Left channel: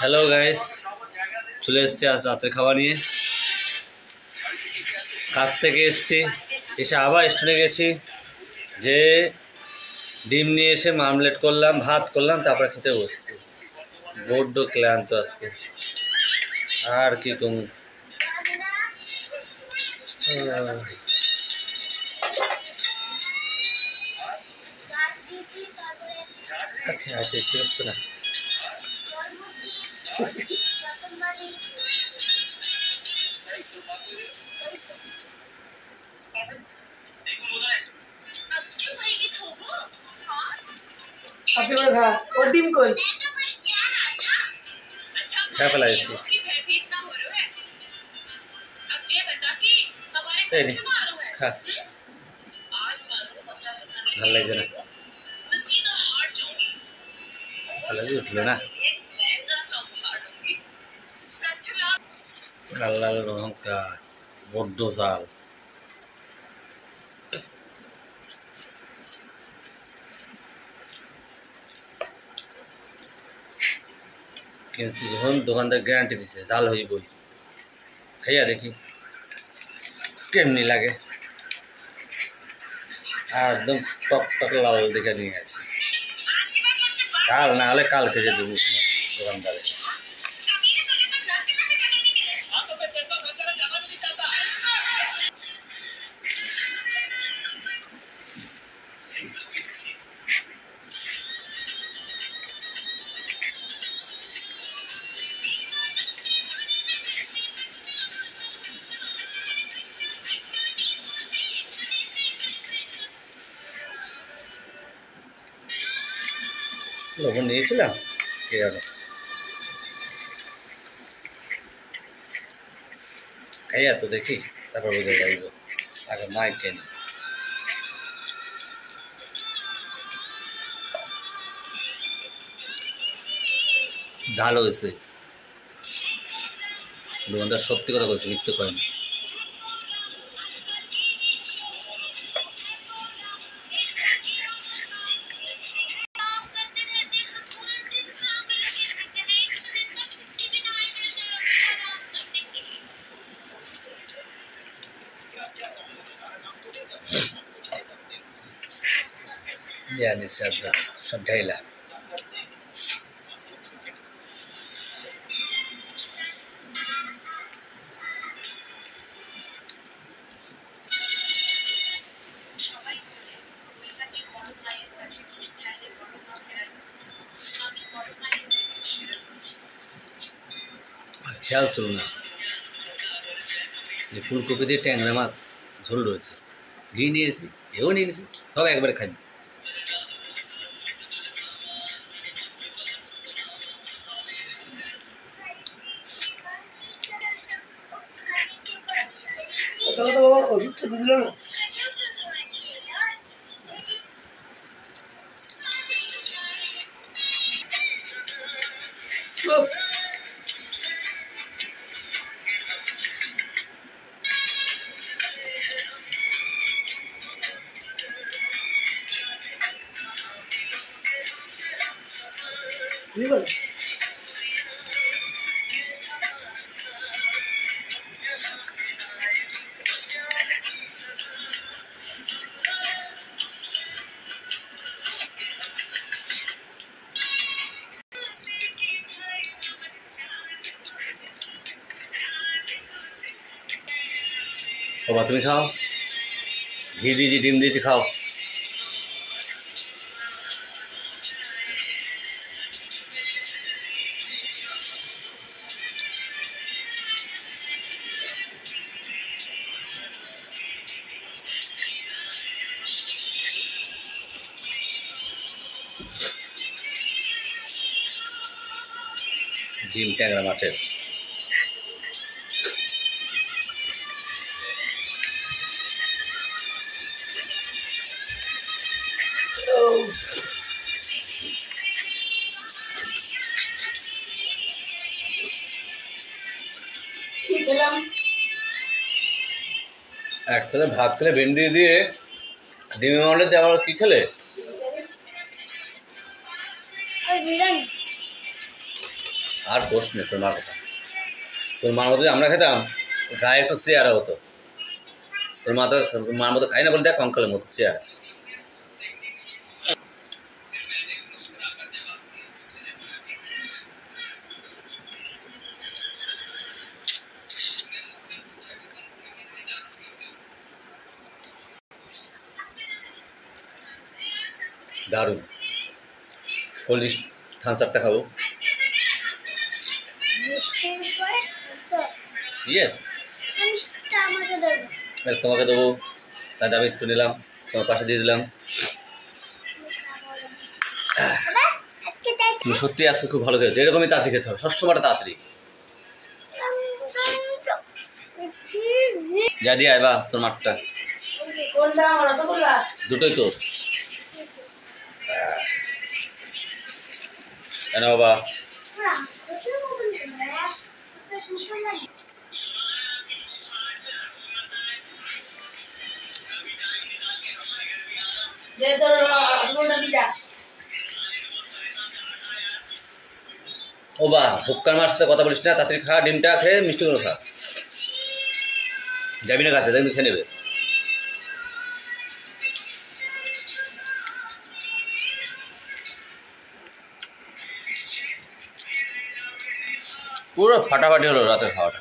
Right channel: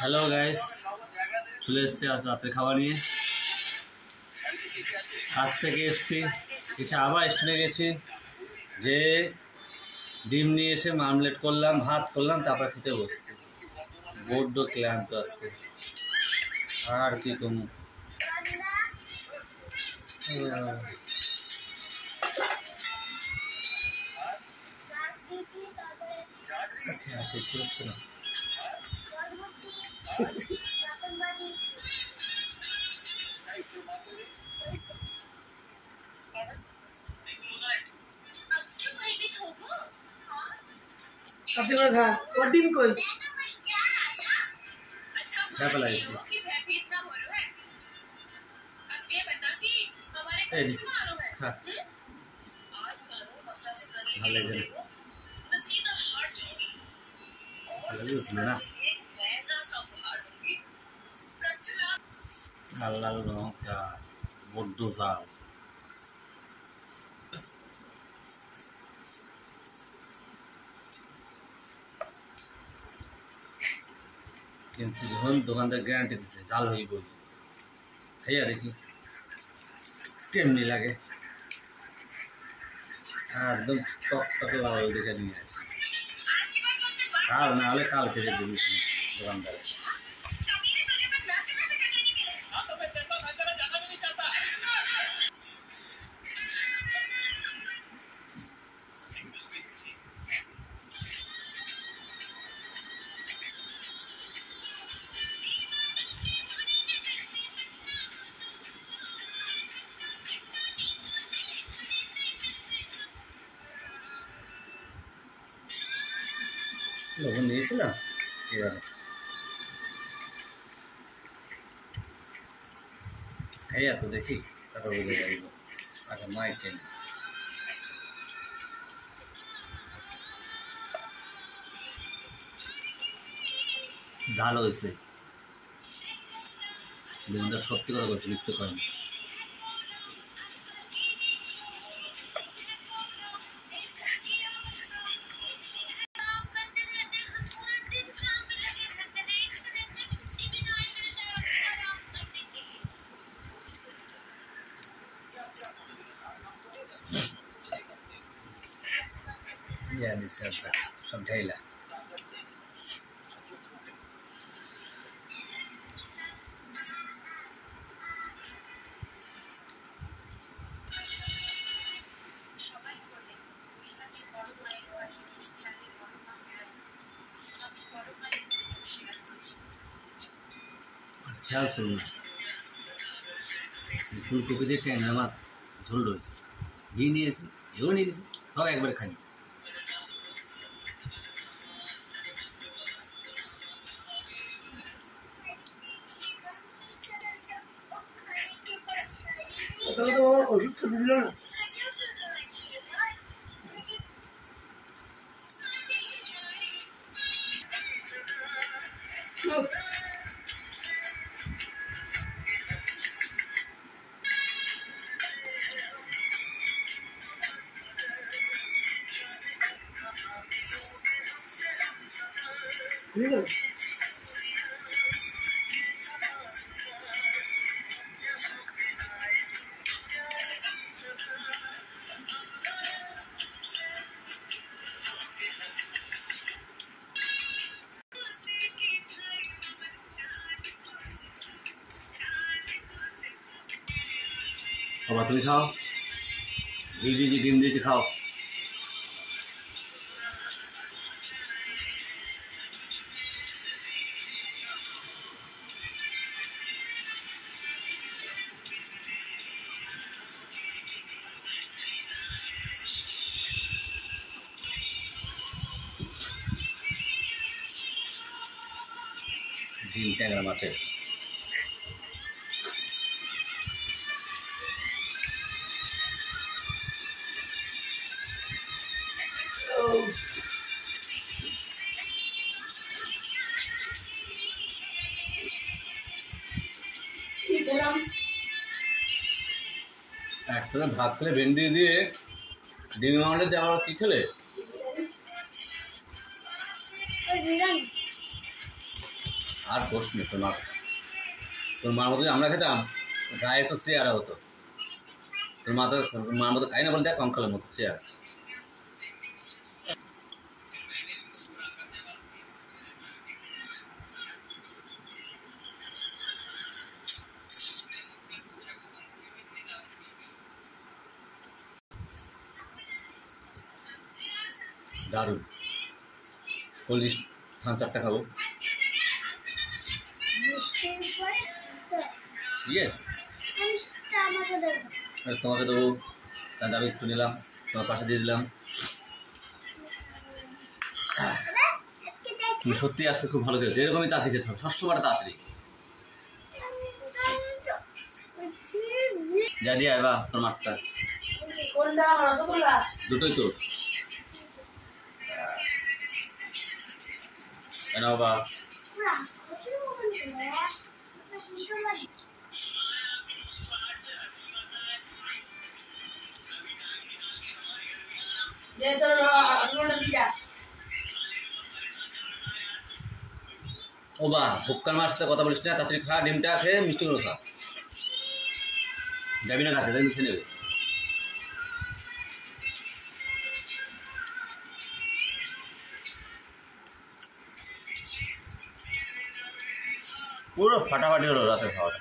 Hello guys, চলে এসেছি আজ রাতের খাবার নিয়ে। কাজ থেকে এসেছি, এসে আবার স্টোরে গেছি, যে ডিম নিয়ে এসে মামলেট করলাম, ভাত করলাম, তারপরে খেতে বসছি। বড্ড ক্লান্ত আজকে, আর কি কম। আচ্ছা আচ্ছা না क्या पला इसी हाँ ভাল লাগছে না, ভালো উঠলো না। লাল লাল লঙ্কা, বড্ড ঝাল। কিনছি যখন দোকানদার গ্যারান্টি দিছে জাল হইবই, খাইয়া দেখি কেমনি লাগে। একদম টক টক লাল দেখে নিয়ে আসি, কাল না হলে কালকে যে দেবো দোকানদারে। লবণ নিয়েছিলাম কে জানো, খাইয়া তো দেখি তারপর বোঝা যাইব। আগে মাই কেন ঝাল হয়েছে, দোকানদার সত্যি কথা বলছে, মিথ্যে করেনি। Yani sadda সব ঢাইলা খেয়াল ছিল না যে ফুলকপি দিয়ে ট্যাংরা মাছ ঝোল রয়েছে, ঘি নিয়েছি, এও নিয়ে গেছি, সব একবারে খাই। বাবা ওষুধ দিল না, বাবা তুমি খাও, ঘি দিয়েছি, ডিম দিয়েছি, খাও। ডিম ট্যাংরা মাছের এক তাহলে ভাত খেলে, ভেন্ডি দিয়ে ডিমের মামলেট দিয়ে আবার কি খেলে? আর কোষ নেই তোর মার কথা। তোর মার মতো আমরা খেতাম, গায়ে একটু চেয়ারা হতো। তোর মার মতো খাই না বলে দেখ কঙ্কালের মতো চেয়ারা। দারুণ। কোল্ড থামস আপটা খাবো। ইয়েস, তোমাকে দেবো। তাহলে আমি একটু নিলাম, তোমার পাশে দিয়ে দিলাম। তুমি সত্যি আজকে খুব ভালো খেয়েছো, এরকমই তাড়াতাড়ি খেতে হবে, সবসময়টা তাড়াতাড়ি। যা দিয়ে আয় বা তোর মাঠটা দুটোই তোর। কেন বাবা? ও বা হুক্কার মার সাথে কথা বলিস না, তাড়াতাড়ি খা, ডিমটা খেয়ে মিষ্টিগুলো খা। যাবি না কাছে, দেখবি খেয়ে নেবে। পুরো ফাটাফাটি হলো রাতের খাওয়াটা।